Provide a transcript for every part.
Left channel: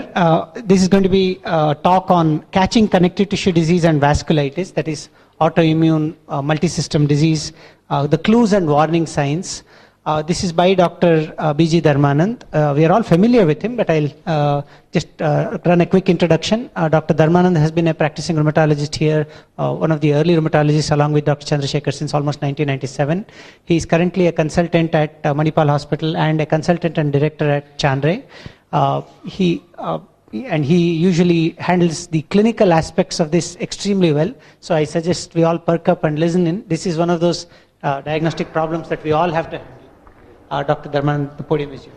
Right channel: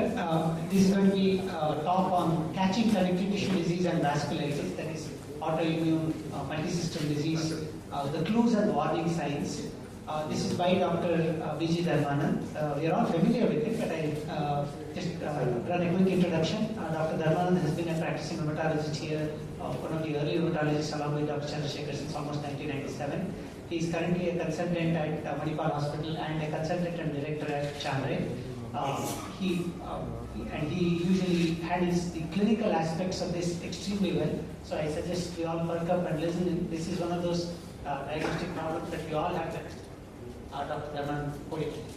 This is going to be a talk on catching connective tissue disease and vasculitis, that is autoimmune multisystem disease, the clues and warning signs. This is by Dr. B.G. Dharmanand. We are all familiar with him, but I'll just run a quick introduction. Dr. Dharmanand has been a practicing rheumatologist here, one of the early rheumatologists along with Dr. Chandrasekhar since almost 1997. He is currently a consultant at Manipal Hospital and a consultant and director at Chandray. He usually handles the clinical aspects of this extremely well. So I suggest we all perk up and listen in. This is one of those diagnostic problems that we all have to. Dr. Dharmanand, the podium is yours.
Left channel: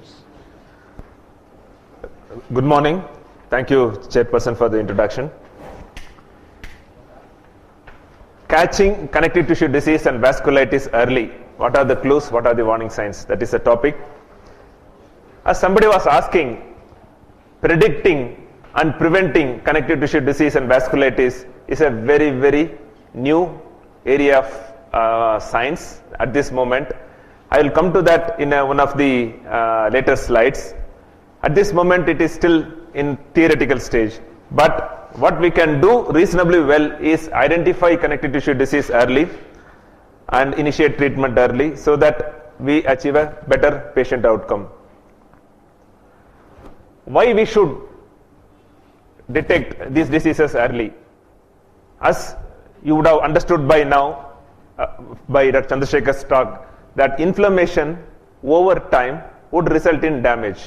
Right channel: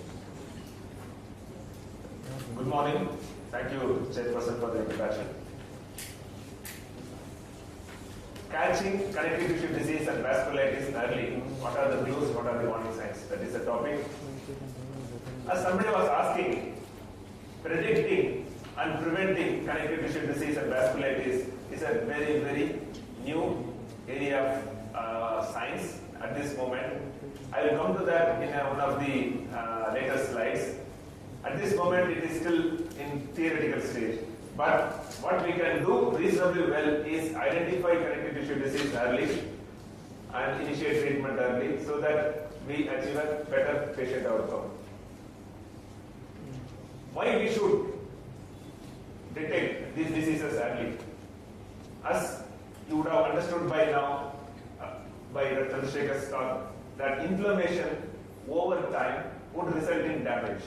Good morning. Thank you, Chairperson, for the introduction. Catching connective tissue disease and vasculitis early. What are the clues? What are the warning signs? That is the topic. As somebody was asking, predicting and preventing connective tissue disease and vasculitis is a very, very new area of science at this moment. I will come to that in one of the later slides. At this moment, it is still in theoretical stage. But what we can do reasonably well is identify connective tissue disease early and initiate treatment early so that we achieve a better patient outcome. Why we should detect these diseases early? As you would have understood by now, by Dr. Chandrasekhar's talk, that inflammation over time would result in damage.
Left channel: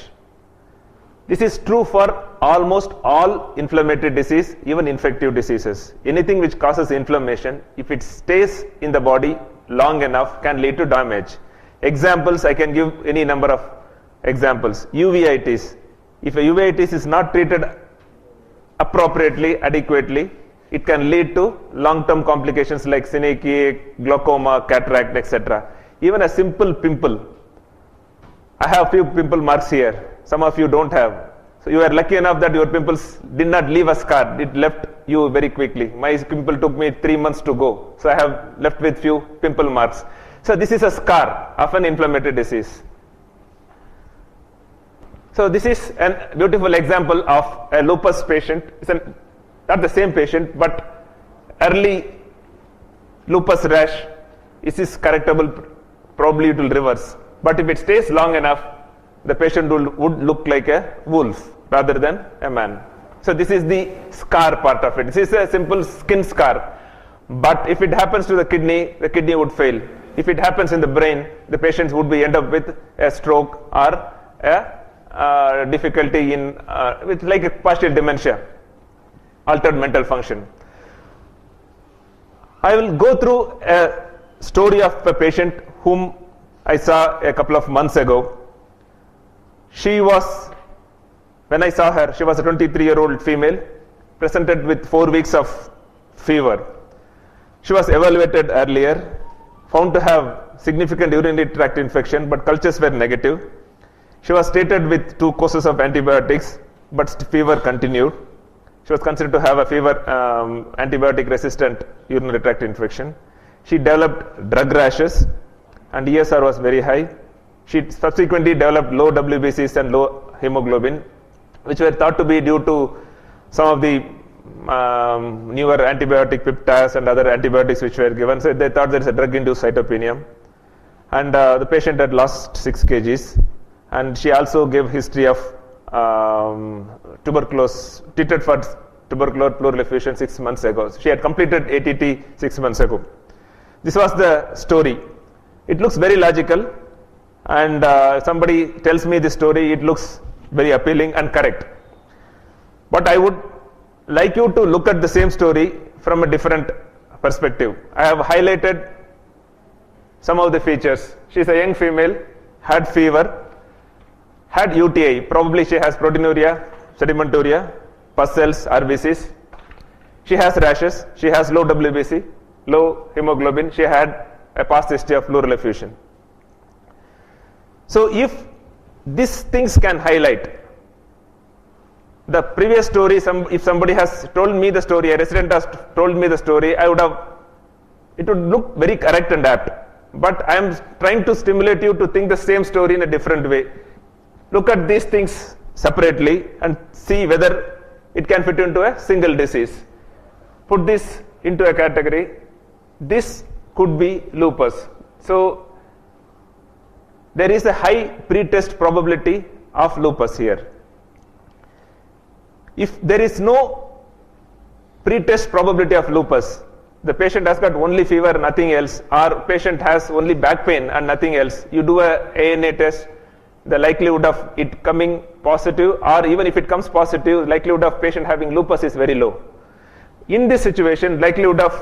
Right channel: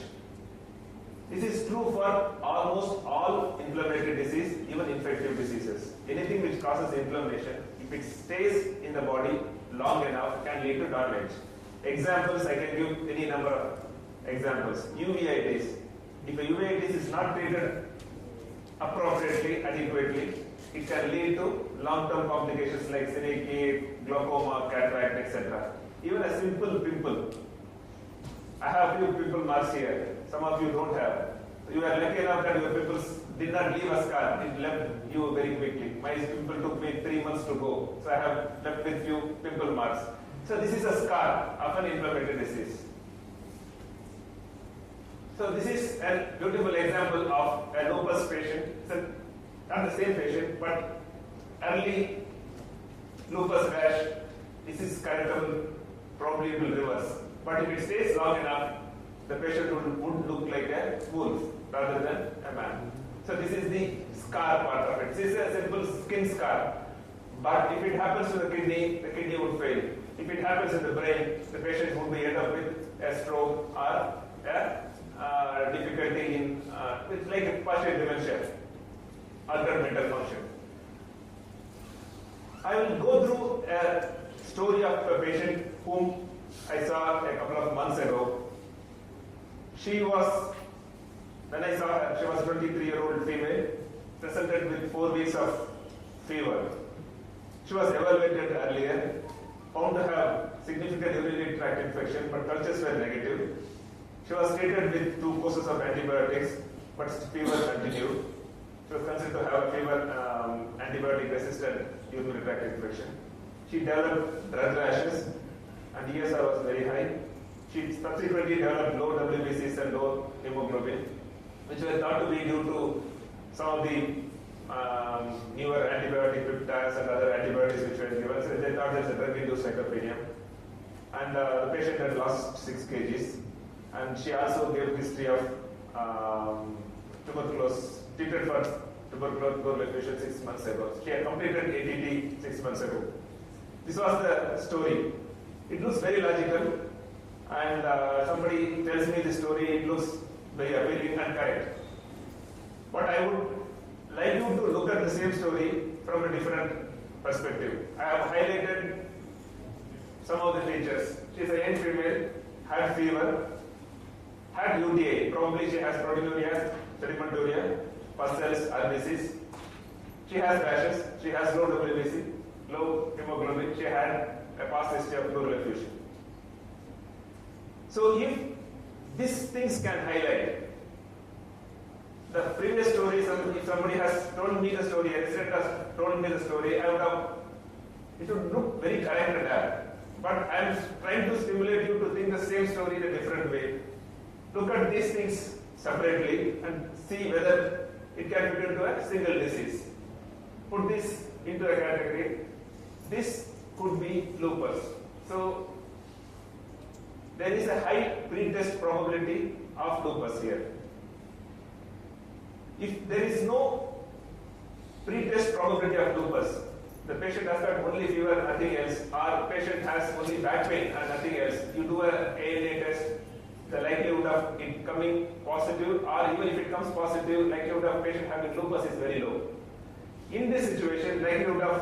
This is true for almost all inflammatory disease, even infective diseases. Anything which causes inflammation, if it stays in the body long enough, can lead to damage. Examples, I can give any number of examples. Uveitis. If a uveitis is not treated appropriately, adequately, it can lead to long-term complications like synecdoche, glaucoma, cataract, etc. Even a simple pimple. I have few pimple marks here. Some of you don't have. So you are lucky enough that your pimples did not leave a scar. It left you very quickly. My pimple took me 3 months to go. So I have left with few pimple marks. So this is a scar of an inflammatory disease. So this is a beautiful example of a lupus patient. It's not the same patient, but early lupus rash. Is this correctable? Probably it will reverse. But if it stays long enough, the patient would look like a wolf rather than a man. So this is the scar part of it. This is a simple skin scar. But if it happens to the kidney would fail. If it happens in the brain, the patient would end up with a stroke or a difficulty in, with like a partial dementia, altered mental function. I will go through a story of a patient whom I saw a couple of months ago. When I saw her, she was a 23-year-old female, presented with 4 weeks of fever. She was evaluated earlier, found to have significant urinary tract infection, but cultures were negative. She was treated with 2 courses of antibiotics, but fever continued. She was considered to have a fever, antibiotic-resistant urinary tract infection. She developed drug rashes, and ESR was very high. She subsequently developed low WBCs and low hemoglobin, which were thought to be due to some of the newer antibiotic peptides and other antibiotics which were given. So they thought there is a drug-induced cytopenia. And the patient had lost 6 kgs. And she also gave history of tuberculosis, treated for tubercular pleural effusion 6 months ago. She had completed ATT 6 months ago. This was the story. It looks very logical, and somebody tells me this story, it looks very appealing and correct. But I would like you to look at the same story from a different perspective. I have highlighted some of the features. She is a young female, had fever, had UTI, probably she has proteinuria, sedimenturia, pus cells, RBCs. She has rashes, she has low WBC, low hemoglobin, she had a past history of pleural effusion. So if these things can highlight the previous story, if somebody has told me the story, a resident has told me the story, it would look very correct and apt. But I am trying to stimulate you to think the same story in a different way. Look at these things separately and see whether it can fit into a single disease. Put this into a category. This could be lupus. So there is a high pre-test probability of lupus here. If there is no pre-test probability of lupus, the patient has got only fever, nothing else, or patient has only back pain and nothing else, you do a ANA test, the likelihood of it coming positive, or even if it comes positive, likelihood of patient having lupus is very low. In this situation, likelihood of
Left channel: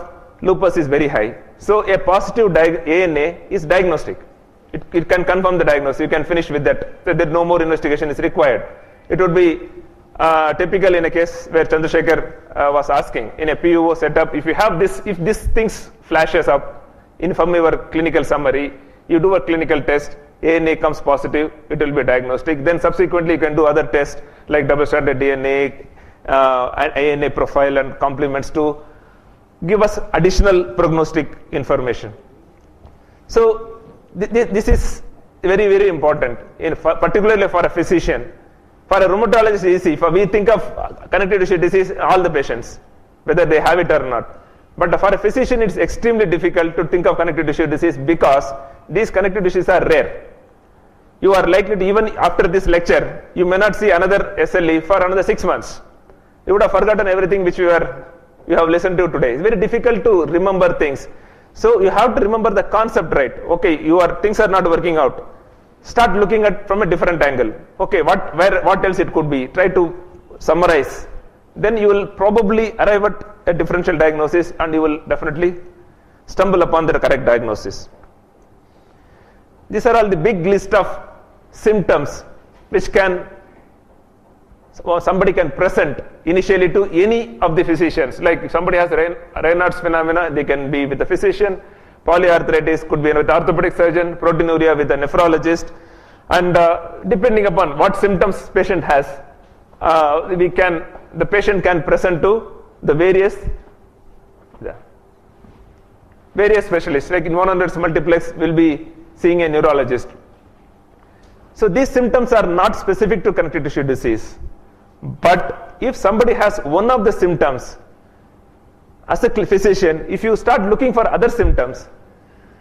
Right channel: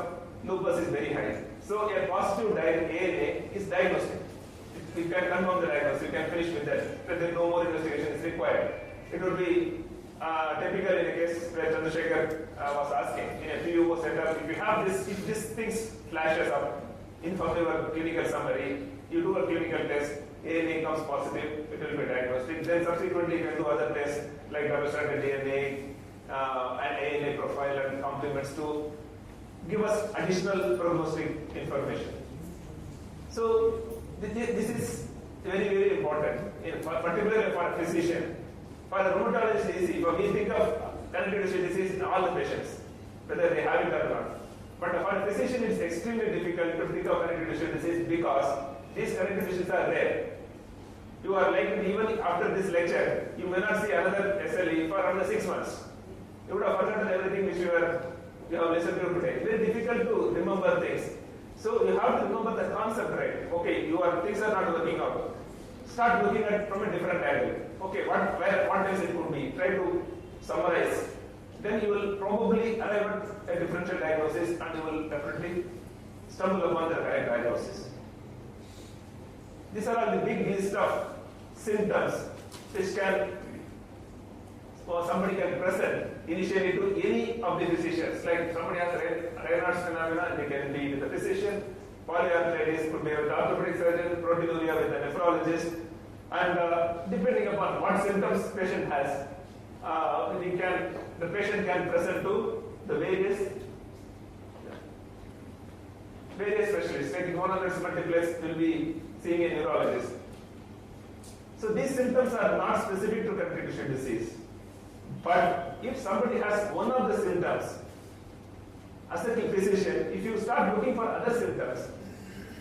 lupus is very high. So a positive ANA is diagnostic. It can confirm the diagnosis. You can finish with that. That no more investigation is required. It would be typical in a case where Chandrasekhar was asking in a PUO setup. If you have this, if these things flashes up in from your clinical summary, you do a clinical test. ANA comes positive, it will be diagnostic. Then subsequently you can do other tests like double-stranded DNA, ANA profile and complements to give us additional prognostic information. So this is very, very important, particularly for a physician. For a rheumatologist, it's easy. For we think of connective tissue disease, all the patients, whether they have it or not. But for a physician, it's extremely difficult to think of connective tissue disease because these connective tissues are rare. You are likely to, even after this lecture, you may not see another SLE for another 6 months. You would have forgotten everything which you have listened to today. It's very difficult to remember things. So you have to remember the concept right. Okay, things are not working out. Start looking at from a different angle. Okay, what else it could be? Try to summarize. Then you will probably arrive at a differential diagnosis and you will definitely stumble upon the correct diagnosis. These are all the big list of symptoms which somebody can present initially to any of the physicians. Like if somebody has Raynaud's phenomena, they can be with the physician. Polyarthritis could be with orthopedic surgeon, proteinuria with a nephrologist, and depending upon what symptoms patient has, the patient can present to the various specialists. Like in 100 multiplex, will be seeing a neurologist. So these symptoms are not specific to connective tissue disease. But if somebody has one of the symptoms, as a physician, if you start looking for other symptoms,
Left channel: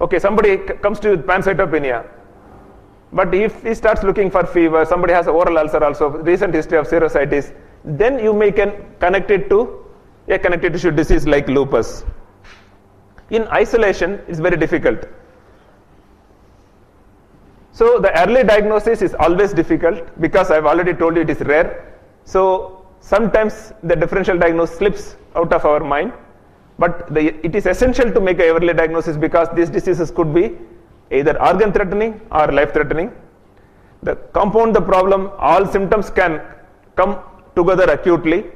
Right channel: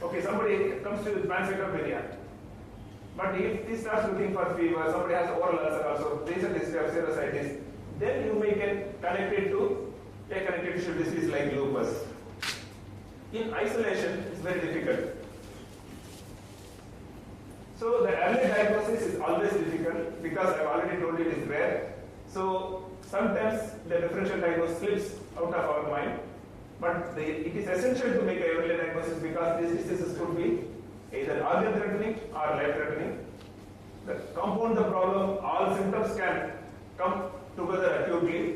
okay, somebody comes to you with pancytopenia, but if he starts looking for fever, somebody has oral ulcer also, recent history of serositis, then you may connect it to a connective tissue disease like lupus. In isolation, it's very difficult. So the early diagnosis is always difficult because I've already told you it is rare. So sometimes the differential diagnosis slips out of our mind, but it is essential to make an early diagnosis because these diseases could be either organ threatening or life threatening. The compound the problem, all symptoms can come together acutely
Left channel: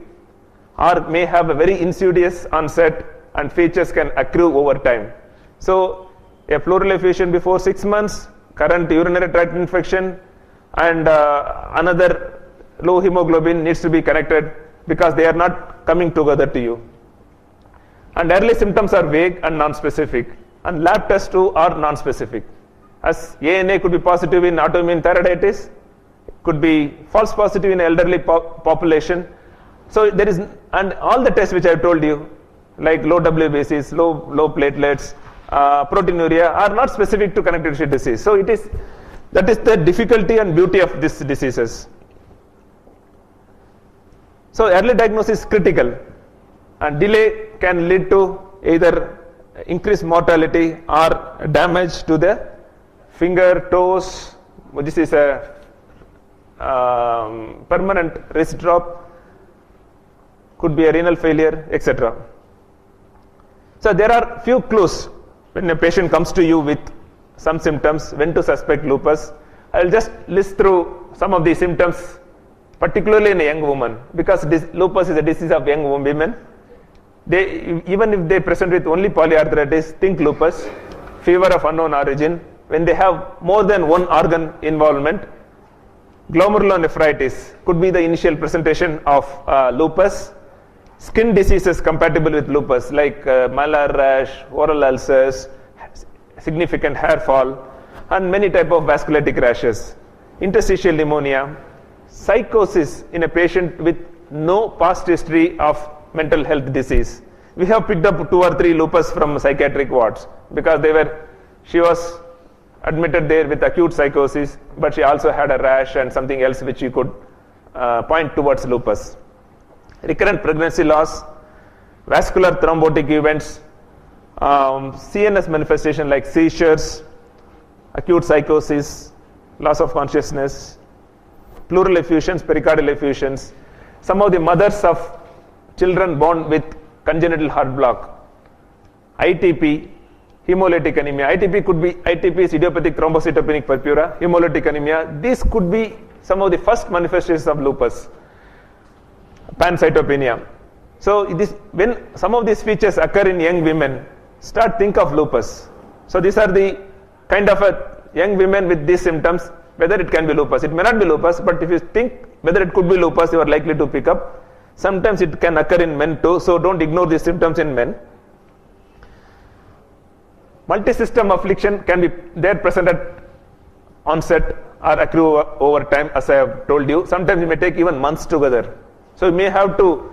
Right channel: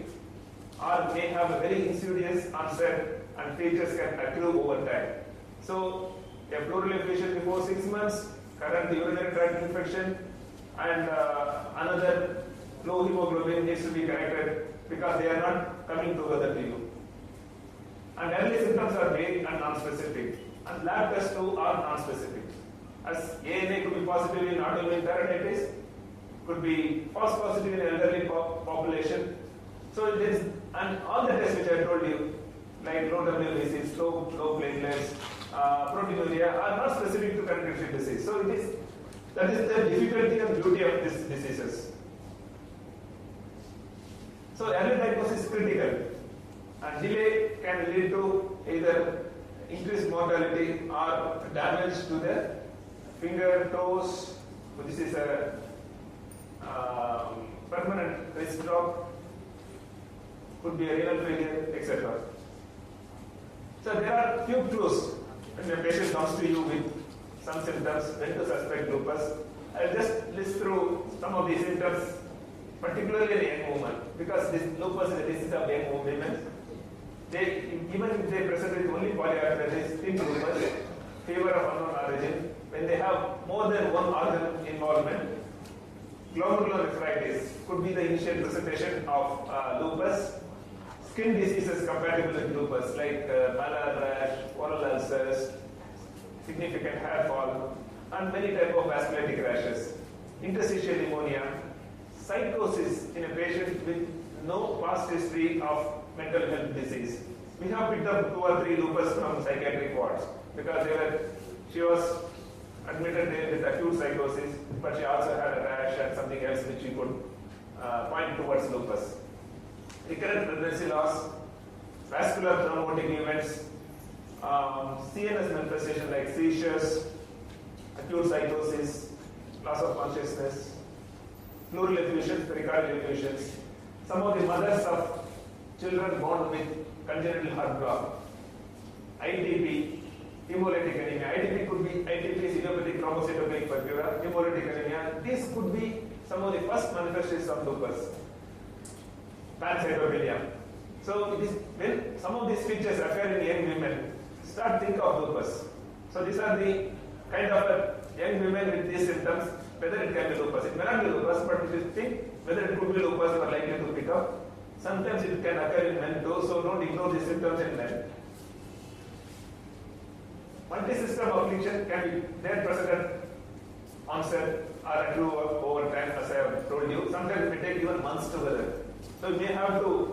or may have a very insidious onset and features can accrue over time. So a pleural effusion before 6 months, current urinary tract infection, and another low hemoglobin needs to be connected because they are not coming together to you. And early symptoms are vague and non-specific, and lab tests too are non-specific. As ANA could be positive in autoimmune thyroiditis, could be false positive in elderly population. So there is, and all the tests which I have told you, like low WBCs, low platelets, proteinuria, are not specific to connective tissue disease. So that is the difficulty and beauty of these diseases. So early diagnosis is critical, and delay can lead to either increased mortality or damage to the finger, toes. This is a permanent wrist drop, could be a renal failure, etc. So there are few clues when a patient comes to you with some symptoms when to suspect lupus. I will just list through some of the symptoms, particularly in a young woman, because lupus is a disease of young women. Even if they present with only polyarthritis, think lupus, fever of unknown origin. When they have more than one organ involvement, glomerulonephritis could be the initial presentation of lupus. Skin diseases compatible with lupus like malar rash, oral ulcers, significant hair fall, and many type of vasculitic rashes. Interstitial pneumonia, psychosis in a patient with no past history of mental health disease. We have picked up 2 or 3 lupus from psychiatric wards because she was admitted there with acute psychosis, but she also had a rash and something else which you could point towards lupus. Recurrent pregnancy loss, vascular thrombotic events, CNS manifestation like seizures, acute psychosis, loss of consciousness, pleural effusions, pericardial effusions. Some of the mothers of children born with congenital heart block, ITP, hemolytic anemia. ITP is idiopathic thrombocytopenic purpura, hemolytic anemia. These could be some of the first manifestations of lupus. Pancytopenia. So when some of these features occur in young women, think of lupus. So these are the kind of young women with these symptoms, whether it can be lupus. It may not be lupus, but if you think whether it could be lupus, you are likely to pick up. Sometimes it can occur in men too, so don't ignore these symptoms in men. Multi-system affliction can be there present at onset or accrue over time, as I have told you. Sometimes it may take even months together. So you may have to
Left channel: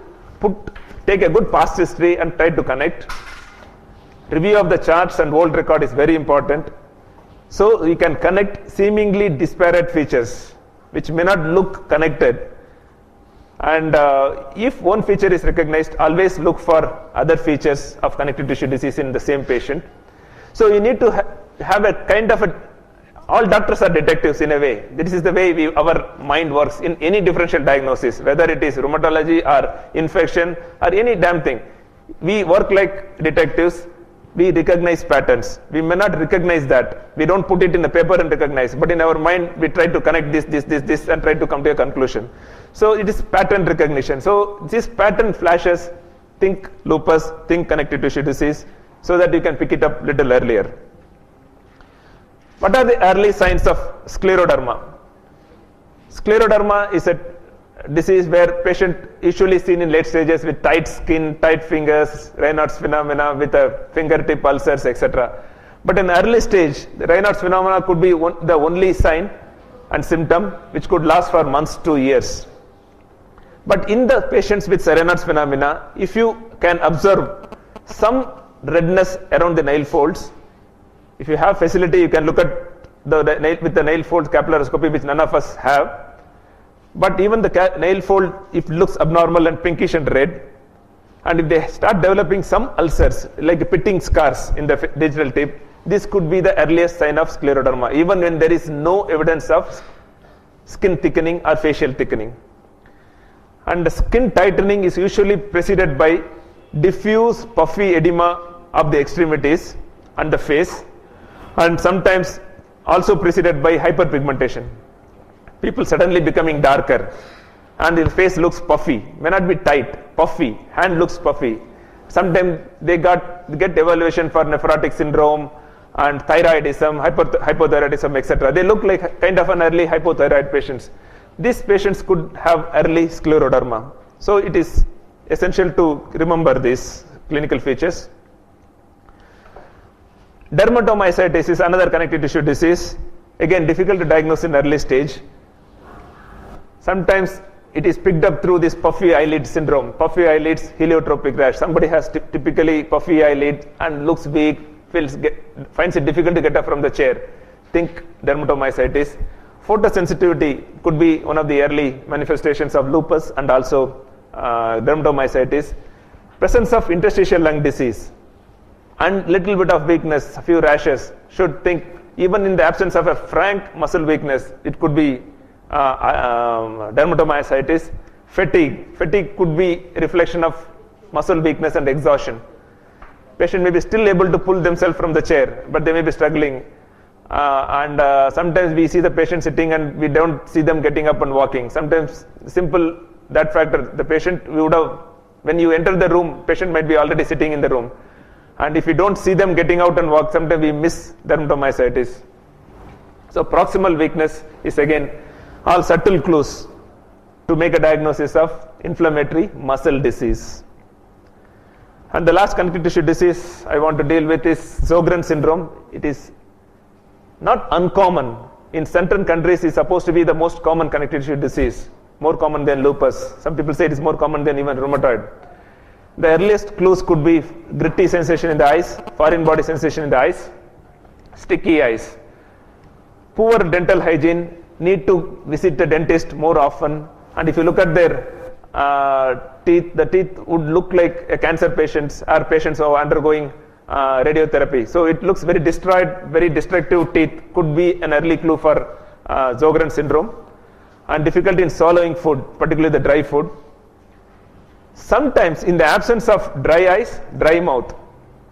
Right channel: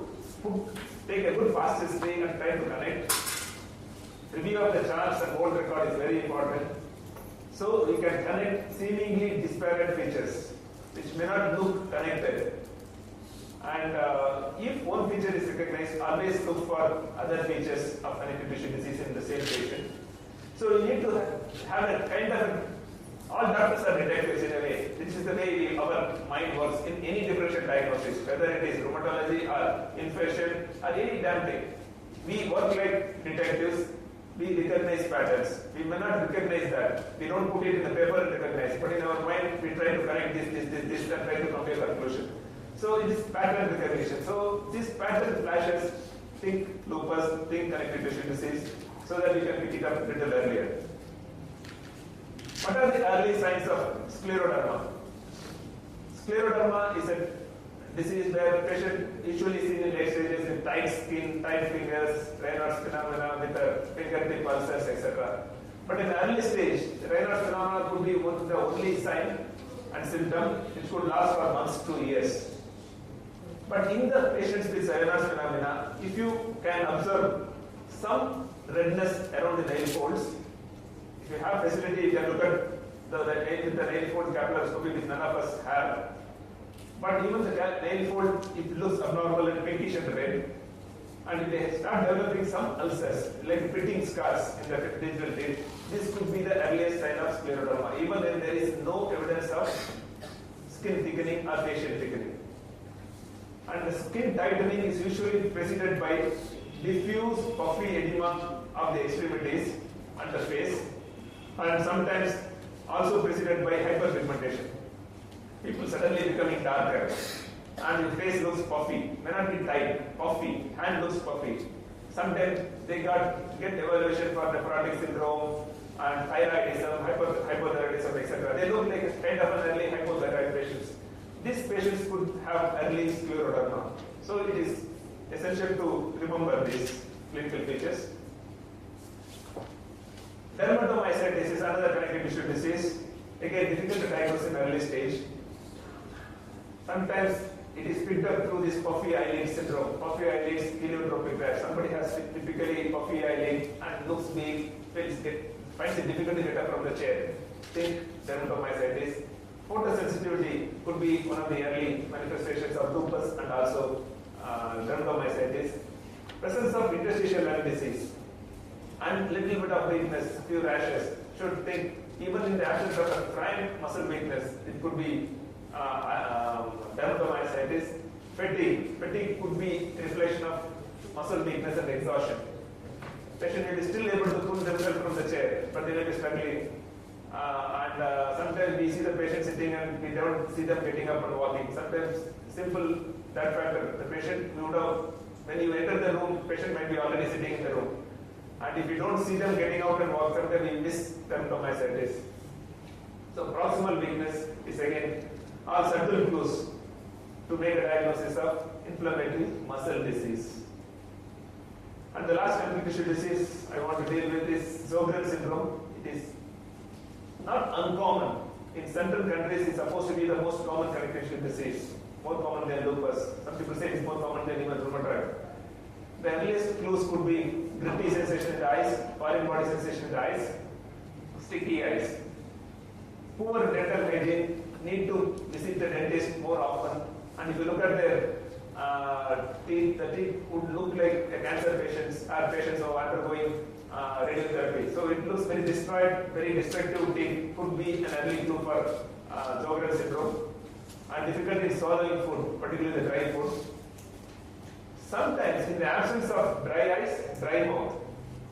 take a good past history and try to connect. Review of the charts and old record is very important. So you can connect seemingly disparate features which may not look connected. And if one feature is recognized, always look for other features of connective tissue disease in the same patient. So you need to have a kind of all doctors are detectives in a way. This is the way our mind works in any differential diagnosis, whether it is rheumatology or infection or any damn thing. We work like detectives. We recognize patterns. We may not recognize that. We don't put it in the paper and recognize, but in our mind, we try to connect this and try to come to a conclusion. So it is pattern recognition. So this pattern flashes, think lupus, think connective tissue disease, so that you can pick it up little earlier. What are the early signs of scleroderma? Scleroderma is a disease where patient usually seen in late stages with tight skin, tight fingers, Raynaud's phenomena with fingertip ulcers, etc. But in early stage, the Raynaud's phenomena could be the only sign and symptom which could last for months to years. But in the patients with Raynaud's phenomena, if you can observe some redness around the nail folds, if you have facility, you can look at with the nail fold capillaroscopy, which none of us have. But even the nail fold, if it looks abnormal and pinkish and red, and if they start developing some ulcers, like pitting scars in the digital tip, this could be the earliest sign of scleroderma, even when there is no evidence of skin thickening or facial thickening. And the skin tightening is usually preceded by diffuse puffy edema of the extremities and the face, and sometimes also preceded by hyperpigmentation. People suddenly becoming darker and the face looks puffy, may not be tight, puffy, hand looks puffy. Sometimes they get evaluation for nephrotic syndrome and thyroidism, hypothyroidism, etc. They look like kind of an early hypothyroid patients. These patients could have early scleroderma. So it is essential to remember these clinical features. Dermatomyositis is another connective tissue disease. Again, difficult to diagnose in early stage. Sometimes it is picked up through this puffy eyelid syndrome. Puffy eyelids, heliotropic rash. Somebody has typically puffy eyelids and looks weak, finds it difficult to get up from the chair. Think dermatomyositis. Photosensitivity could be one of the early manifestations of lupus and also dermatomyositis. Presence of interstitial lung disease and little bit of weakness, a few rashes, should think even in the absence of a frank muscle weakness, it could be dermatomyositis. Fatigue could be a reflection of muscle weakness and exhaustion. Patient may be still able to pull themselves from the chair, but they may be struggling. Sometimes we see the patient sitting and we don't see them getting up and walking. Sometimes simple that factor, the patient when you enter the room, patient might be already sitting in the room. And if we don't see them getting out and walk, sometimes we miss dermatomyositis. So proximal weakness is again all subtle clues to make a diagnosis of inflammatory muscle disease. And the last connective tissue disease I want to deal with is Sjogren syndrome. It is not uncommon in certain countries is supposed to be the most common connective tissue disease, more common than lupus. Some people say it is more common than even rheumatoid. The earliest clues could be gritty sensation in the eyes, foreign body sensation in the eyes, sticky eyes, poor dental hygiene, need to visit the dentist more often, and if you look at their teeth, the teeth would look like a cancer patients or patients who are undergoing radiotherapy. So it looks very destroyed, very destructive teeth could be an early clue for Sjogren syndrome, and difficulty in swallowing food, particularly the dry food. Sometimes in the absence of dry eyes, dry mouth,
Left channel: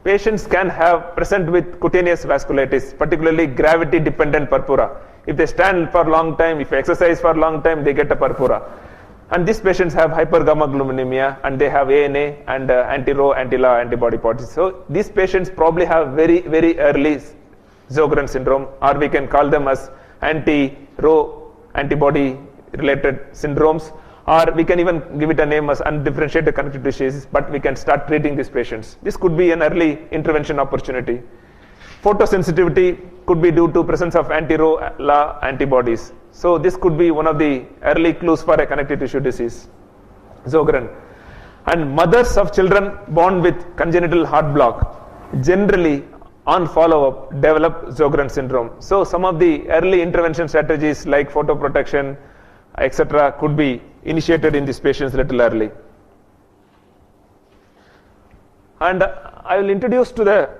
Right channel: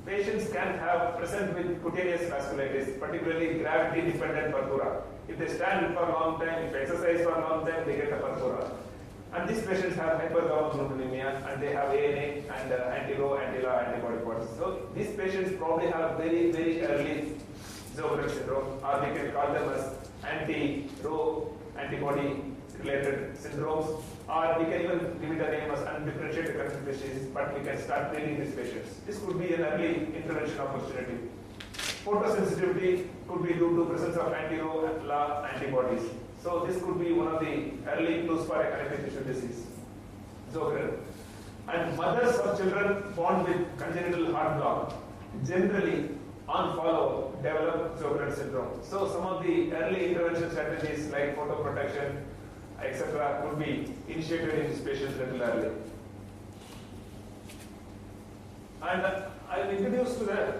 patients can have present with cutaneous vasculitis, particularly gravity dependent purpura. If they stand for a long time, if they exercise for a long time, they get a purpura. And these patients have hypergammaglobulinemia and they have ANA and anti-Rho, anti-La antibody positive. So these patients probably have very, very early Sjogren syndrome, or we can call them as anti-Rho antibody related syndromes, or we can even give it a name as undifferentiated connective tissue disease, but we can start treating these patients. This could be an early intervention opportunity. Photosensitivity could be due to presence of anti-Rho, La antibodies. So this could be one of the early clues for a connective tissue disease, Sjogren. And mothers of children born with congenital heart block generally on follow-up develop Sjogren syndrome. So some of the early intervention strategies like photoprotection, etc. could be initiated in these patients little early. And I will introduce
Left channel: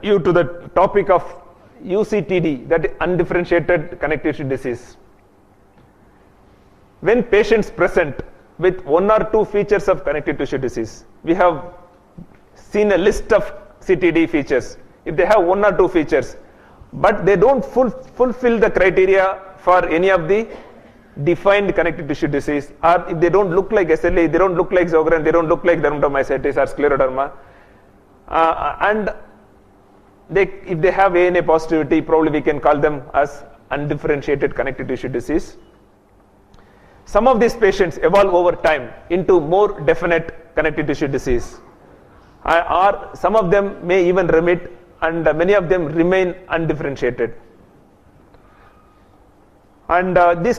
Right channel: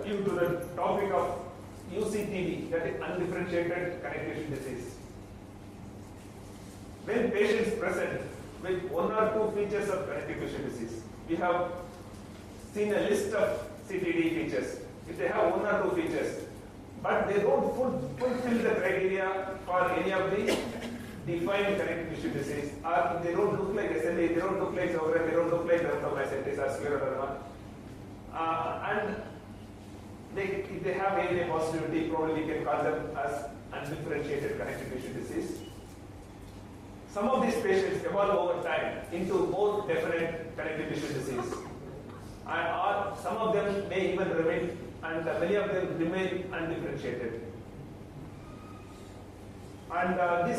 you to the topic of UCTD, that is undifferentiated connective tissue disease. When patients present with one or two features of connective tissue disease, we have seen a list of CTD features. If they have one or two features, but they don't fulfill the criteria for any of the defined connective tissue disease, or if they don't look like SLE, they don't look like Sjogren, they don't look like dermatomyositis or scleroderma, and if they have ANA positivity, probably we can call them as undifferentiated connective tissue disease. Some of these patients evolve over time into more definite connective tissue disease, or some of them may even remit, and many of them remain undifferentiated. And these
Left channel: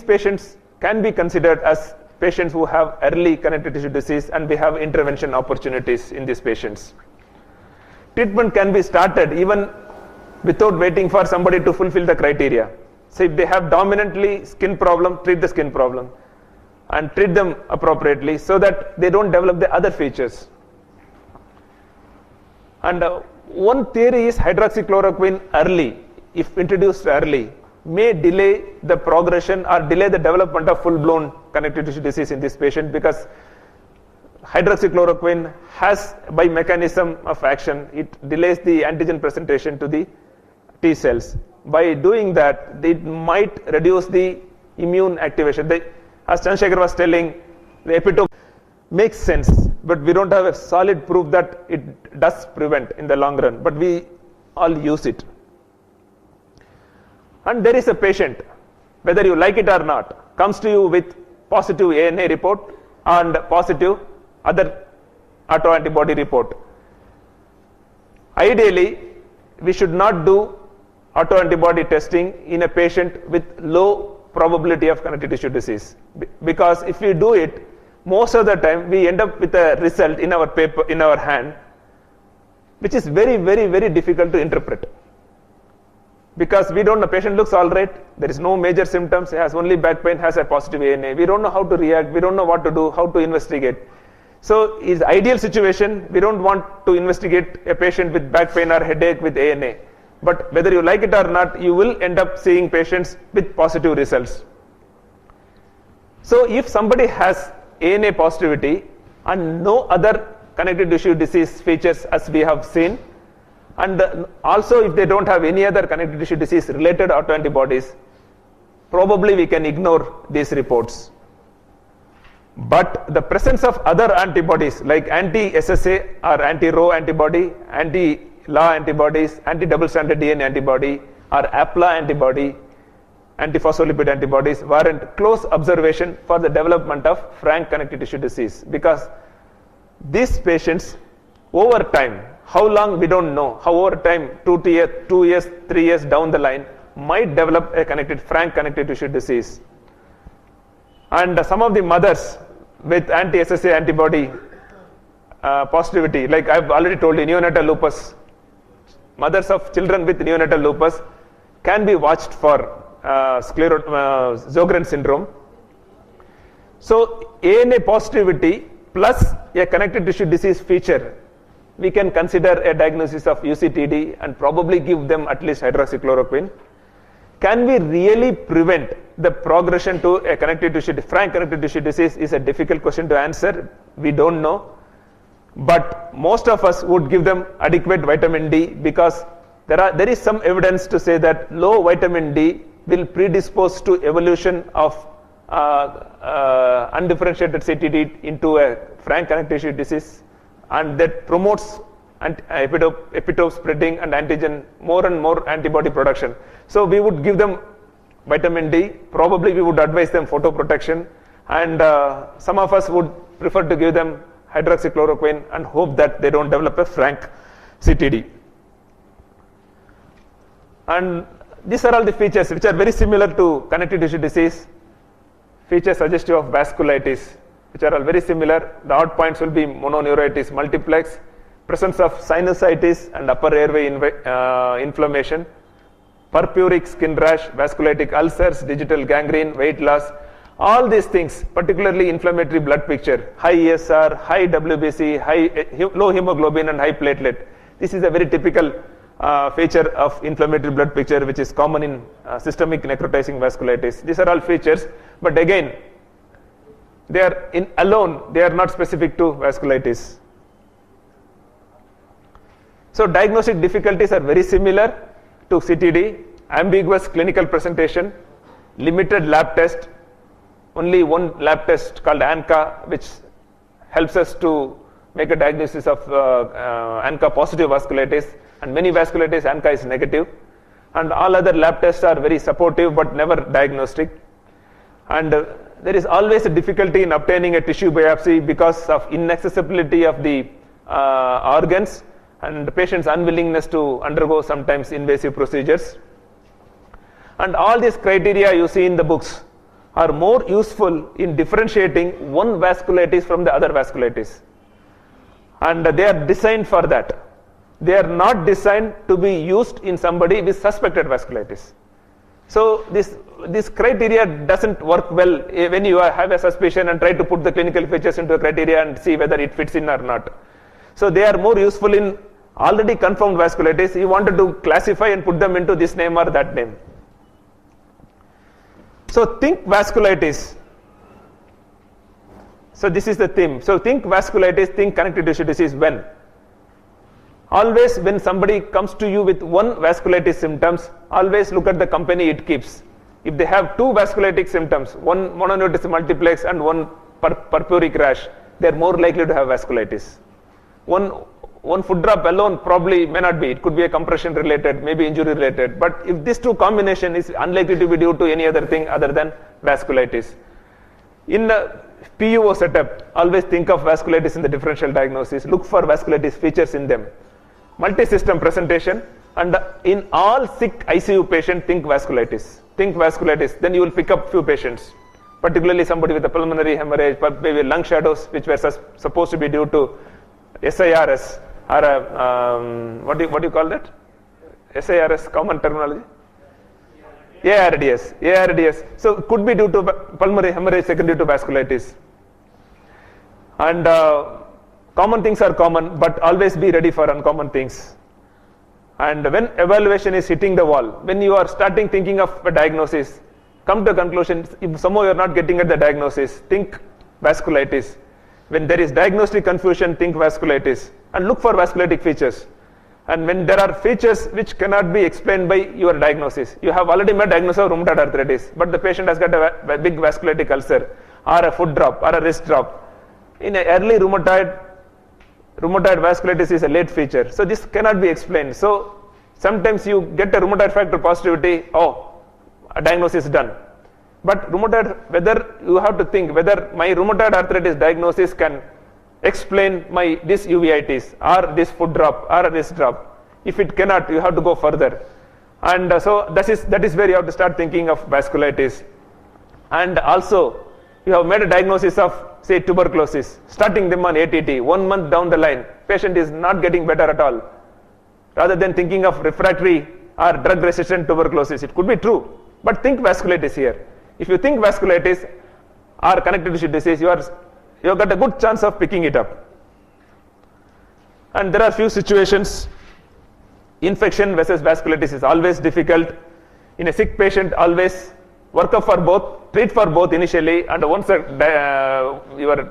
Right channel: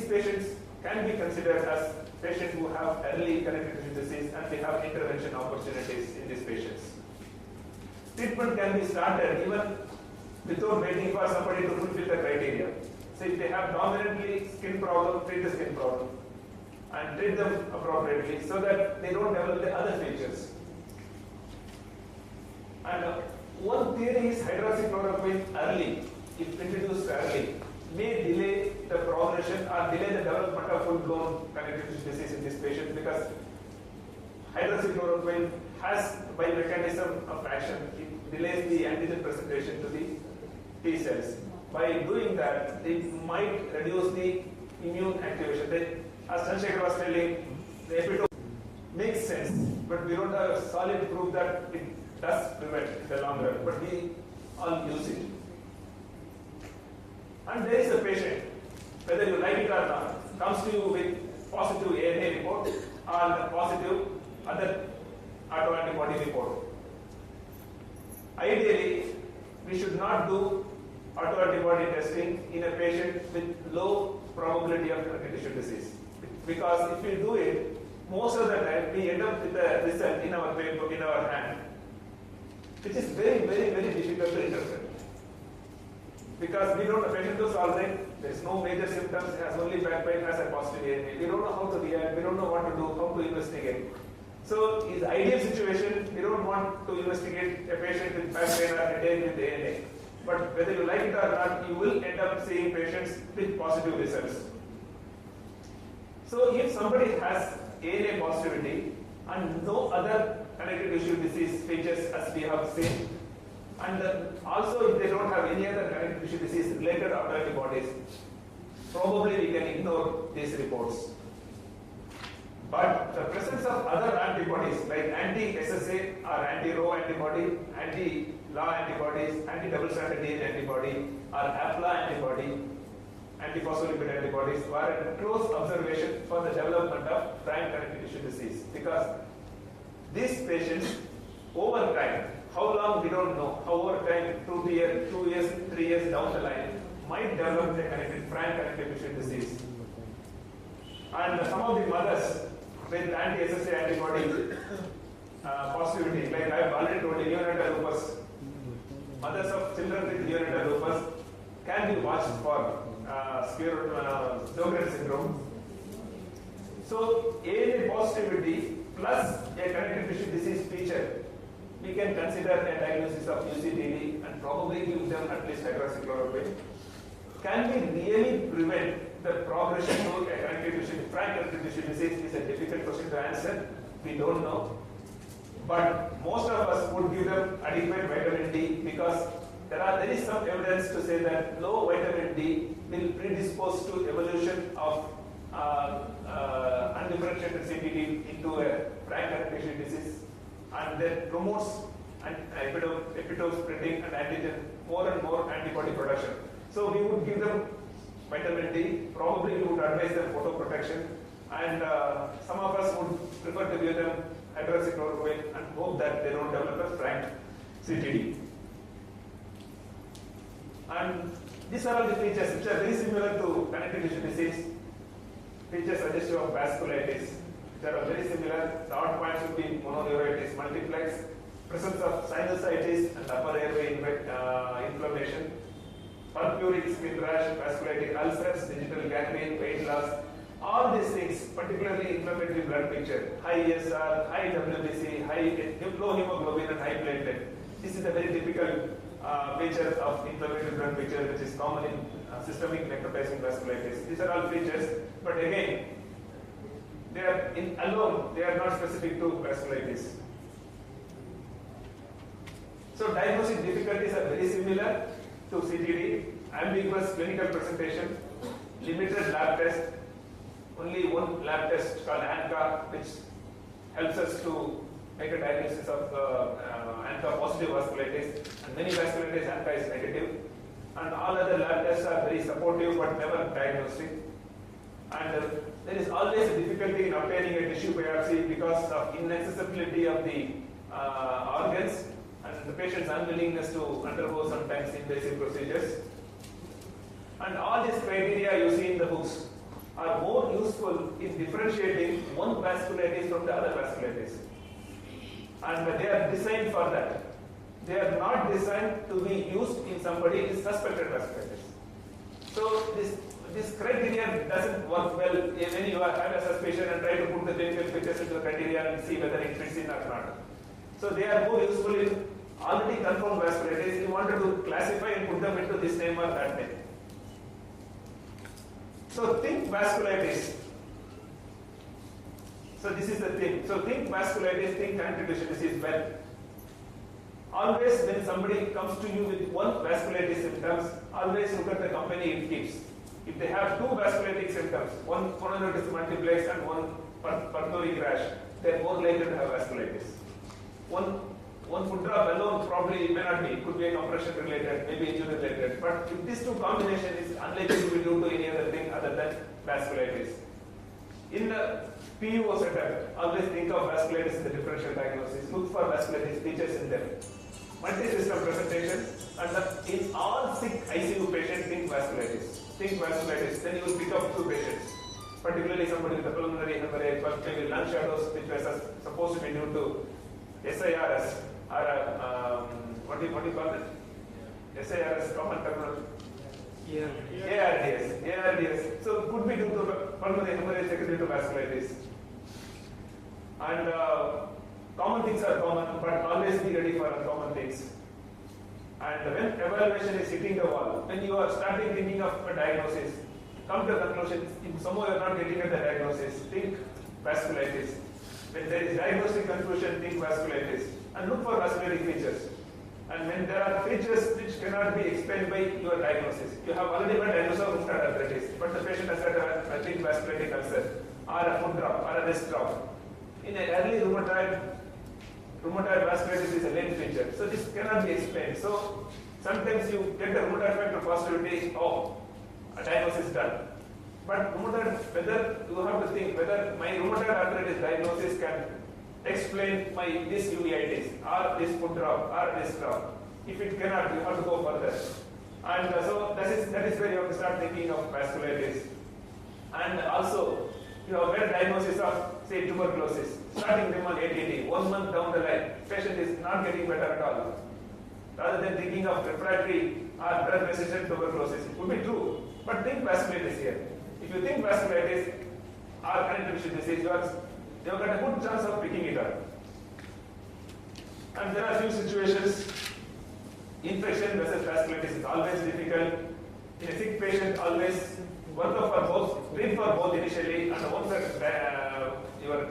patients can be considered as patients who have early connective tissue disease, and we have intervention opportunities in these patients. Treatment can be started even without waiting for somebody to fulfill the criteria. So if they have dominantly skin problem, treat the skin problem and treat them appropriately so that they don't develop the other features. And one theory is hydroxychloroquine early, if introduced early, may delay the progression or delay the development of full-blown connective tissue disease in this patient, because hydroxychloroquine has, by mechanism of action, it delays the antigen presentation to the T cells. By doing that, it might reduce the immune activation. As Chandrasekhar was telling, the epitope makes sense, but we don't have a solid proof that it does prevent in the long run, but we all use it. And there is a patient, whether you like it or not, comes to you with positive ANA report and positive other autoantibody report. Ideally, we should not do autoantibody testing in a patient with low probability of connective tissue disease, because if we do it, most of the time we end up with a result in our paper, in our hand, which is very, very, very difficult to interpret. Because we don't know, patient looks all right, there is no major symptoms, has only back pain, has a positive ANA. We don't know how to react, we don't know what to do, how to investigate. So in the ideal situation, we don't want to investigate a patient with back pain or headache with ANA. But whether you like it or not, you will end up seeing patients with positive results. So if somebody has ANA positivity and no other connective tissue disease features as we have seen, and also if they don't have any other connective tissue disease related autoantibodies, probably we can ignore these reports. But the presence of other antibodies like anti-SSA or anti-Rho antibody, anti-La antibodies, anti-double stranded DNA antibody, or APLA antibody, antiphospholipid antibodies warrant close observation for the development of frank connective tissue disease, because these patients over time, how long we don't know, how over time, 2 years, 3 years down the line, might develop a frank connective tissue disease. And some of the mothers with anti-SSA antibody positivity, like I've already told you, neonatal lupus, mothers of children with neonatal lupus can be watched for Sjogren syndrome. So ANA positivity plus a connective tissue disease feature, we can consider a diagnosis of UCTD and probably give them at least hydroxychloroquine. Can we really prevent the progression to a frank connective tissue disease is a difficult question to answer. We don't know. But most of us would give them adequate vitamin D because there is some evidence to say that low vitamin D will predispose to evolution of undifferentiated CTD into a frank connective tissue disease, and that promotes epitope spreading and antigen, more and more antibody production. So we would give them vitamin D, probably we would advise them photoprotection, and some of us would prefer to give them hydroxychloroquine and hope that they don't develop a frank CTD. And these are all the features which are very similar to connective tissue disease, features suggestive of vasculitis, which are all very similar. The odd points will be mononeuritis multiplex, presence of sinusitis and upper airway inflammation, purpuric skin rash, vasculitic ulcers, digital gangrene, weight loss. All these things, particularly inflammatory blood picture, high ESR, high WBC, low hemoglobin and high platelet. This is a very typical feature of inflammatory blood picture which is common in systemic necrotizing vasculitis. These are all features, but again, they are they are not specific to vasculitis. So diagnostic difficulties are very similar to CTD, ambiguous clinical presentation, limited lab test, only one lab test called ANCA, which helps us to make a diagnosis of ANCA positive vasculitis, and many vasculitis ANCA is negative, and all other lab tests are very supportive but never diagnostic. And there is always a difficulty in obtaining a tissue biopsy because of inaccessibility of the organs and the patient's unwillingness to undergo sometimes invasive procedures. And all these criteria you see in the books are more useful in differentiating one vasculitis from the other vasculitis. And they are designed for that. They are not designed to be used in somebody with suspected vasculitis. So this criteria doesn't work well when you have a suspicion and try to put the clinical features into the criteria and see whether it fits in or not. So they are more useful in already confirmed vasculitis. You wanted to classify and put them into this name or that name. So think vasculitis. So this is the theme. So think vasculitis, think connective tissue disease when? Always when somebody comes to you with one vasculitis symptoms, always look at the company it keeps. If they have two vasculitic symptoms, one mononeuritis multiplex and one purpuric rash, they are more likely to have vasculitis. One foot drop alone probably may not be. It could be a compression related, maybe injury related. But if this two combination is unlikely to be due to any other thing other than vasculitis. In the PUO setup, always think of vasculitis in the differential diagnosis. Look for vasculitis features in them. Multi-system presentation, and in all sick ICU patient, think vasculitis. Think vasculitis. Then you will pick up few patients, particularly somebody with a pulmonary hemorrhage, maybe lung shadows, which were supposed to be due to SIRS. Or what do you call that? SIRS, common terminology? ARDS. So it could be due to pulmonary hemorrhage secondary to vasculitis. And common things are common, but always be ready for uncommon things. And when evaluation is hitting the wall, when you are starting thinking of a diagnosis, come to a conclusion. If somehow you are not getting at the diagnosis, think vasculitis. When there is diagnostic confusion, think vasculitis and look for vasculitic features. And when there are features which cannot be explained by your diagnosis, you have already made diagnosis of rheumatoid arthritis, but the patient has got a big vasculitic ulcer or a foot drop or a wrist drop. In an early rheumatoid vasculitis is a late feature. So this cannot be explained. So sometimes you get a rheumatoid factor positivity, a diagnosis is done. But rheumatoid, whether you have to think whether my rheumatoid arthritis diagnosis can explain this uveitis or this foot drop or this drop. If it cannot, you have to go further. And so that is where you have to start thinking of vasculitis. And also, you have made a diagnosis of, say, tuberculosis, starting them on ATT. 1 month down the line, patient is not getting better at all. Rather than thinking of refractory or drug-resistant tuberculosis, it could be true. But think vasculitis here. If you think vasculitis or connective tissue disease, you have got a good chance of picking it up. And there are few situations. Infection versus vasculitis is always difficult. In a sick patient, always work up for both, treat for both initially, and once your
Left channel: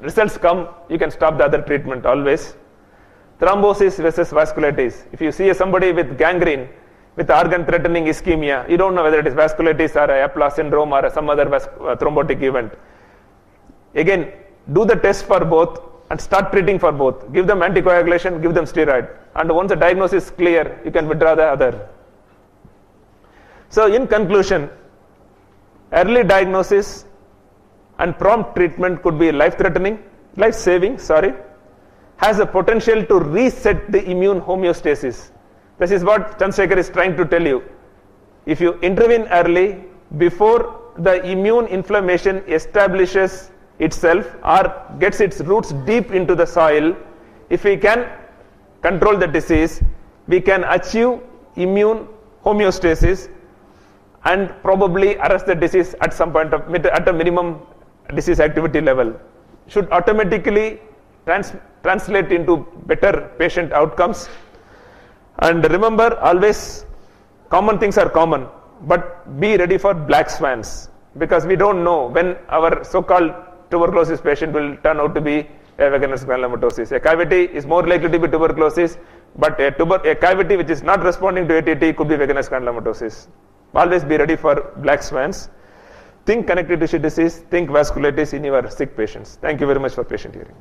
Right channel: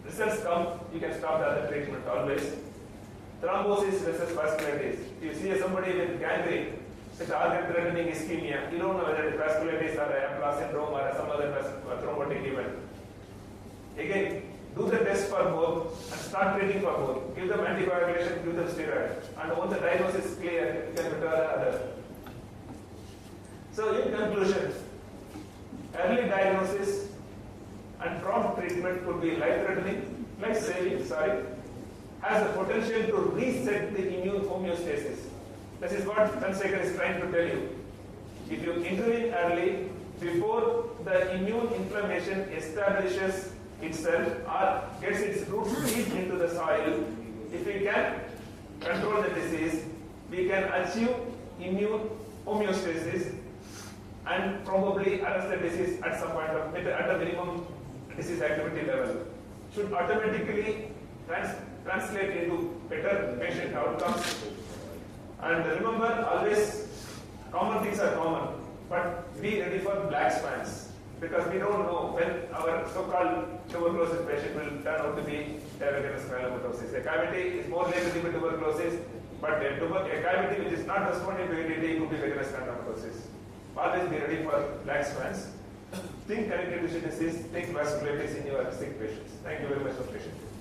results come, you can stop the other treatment always. Thrombosis versus vasculitis. If you see somebody with gangrene, with organ-threatening ischemia, you don't know whether it is vasculitis or a Eppler syndrome or some other thrombotic event. Again, do the test for both and start treating for both. Give them anticoagulation, give them steroid. And once the diagnosis is clear, you can withdraw the other. So in conclusion, early diagnosis and prompt treatment could be life-saving, has the potential to reset the immune homeostasis. This is what Chandrasekhar is trying to tell you. If you intervene early, before the immune inflammation establishes itself or gets its roots deep into the soil, if we can control the disease, we can achieve immune homeostasis and probably arrest the disease at some point at a minimum disease activity level. Should automatically translate into better patient outcomes. And remember, always common things are common, but be ready for black swans, because we don't know when our so-called tuberculosis patient will turn out to be a Wegener's granulomatosis. A cavity is more likely to be tuberculosis, but a cavity which is not responding to ATT could be Wegener's granulomatosis. Always be ready for black swans. Think connective tissue disease, think vasculitis in your sick patients. Thank you very much for patient hearing.